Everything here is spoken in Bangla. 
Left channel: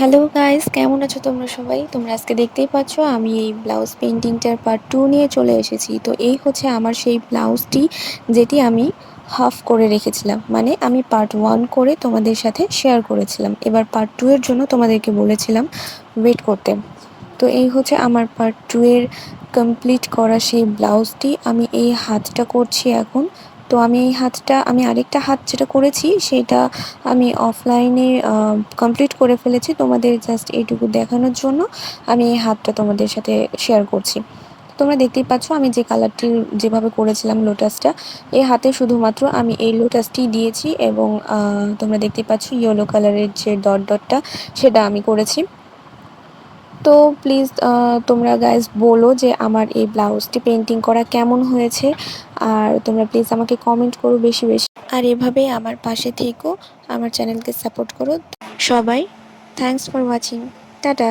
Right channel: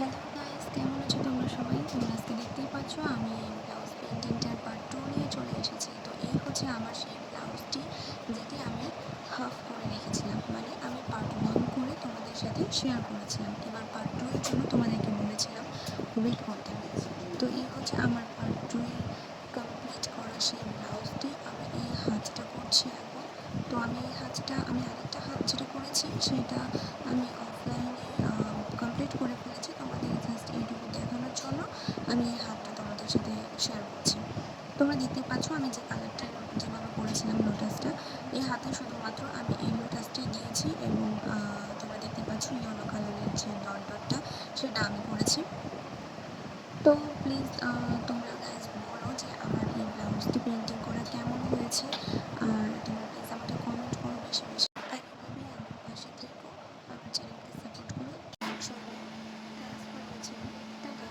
হ্যালো গাইস, কেমন আছো তোমরা সবাই? তোমরা আজকে দেখতেই পাচ্ছ আমি এই ব্লাউজ পেইন্টিংটার পার্ট 2 নিয়ে চলে এসেছি। তো এই হচ্ছে আমার সেই ব্লাউজটি, যেটি আমি হাফ করে রেখেছিলাম। মানে আমি পার্ট 1 করে তোমাদের সাথে শেয়ার করেছিলাম। এবার পার্ট 2 এর জন্য তোমাদেরকে বলেছিলাম ওয়েট করতে। তো এই হচ্ছে আমার পার্ট 2 এর কমপ্লিট করা সেই ব্লাউজটি। আমি এই হাতটা করছি এখন। তো আমি আরেকটা হাত যেটা করেছি সেটা আমি অফলাইনে কমপ্লিট করে ফেলেছি। তোমাদের জাস্ট এইটুকু দেখানোর জন্য আমি এই হাতটা তোমাদের সাথে শেয়ার করছি। তোমরা দেখতেই পাচ্ছ আমি যে কালারটি যেভাবে করেছিলাম লোটাসটা, এই হাতে শুধুমাত্র আমি এই লোটাসটি দিয়েছি এবং তোমরা দেখতেই পাচ্ছ ইয়েলো কালারের যে ডট ডটটা সেটা আমি করেছি। তো প্লিজ তোমরা গাইজ বলো যে আমার এই ব্লাউজটি পেন্টিং করা কেমন হয়েছে, আর তোমরা প্লিজ আমাকে কমেন্ট করো বেশি বেশি, আর এভাবেই আমার পাশে থেকো, আমার চ্যানেলকে সাপোর্ট করো সবাই। Thanks for watching. টাটা।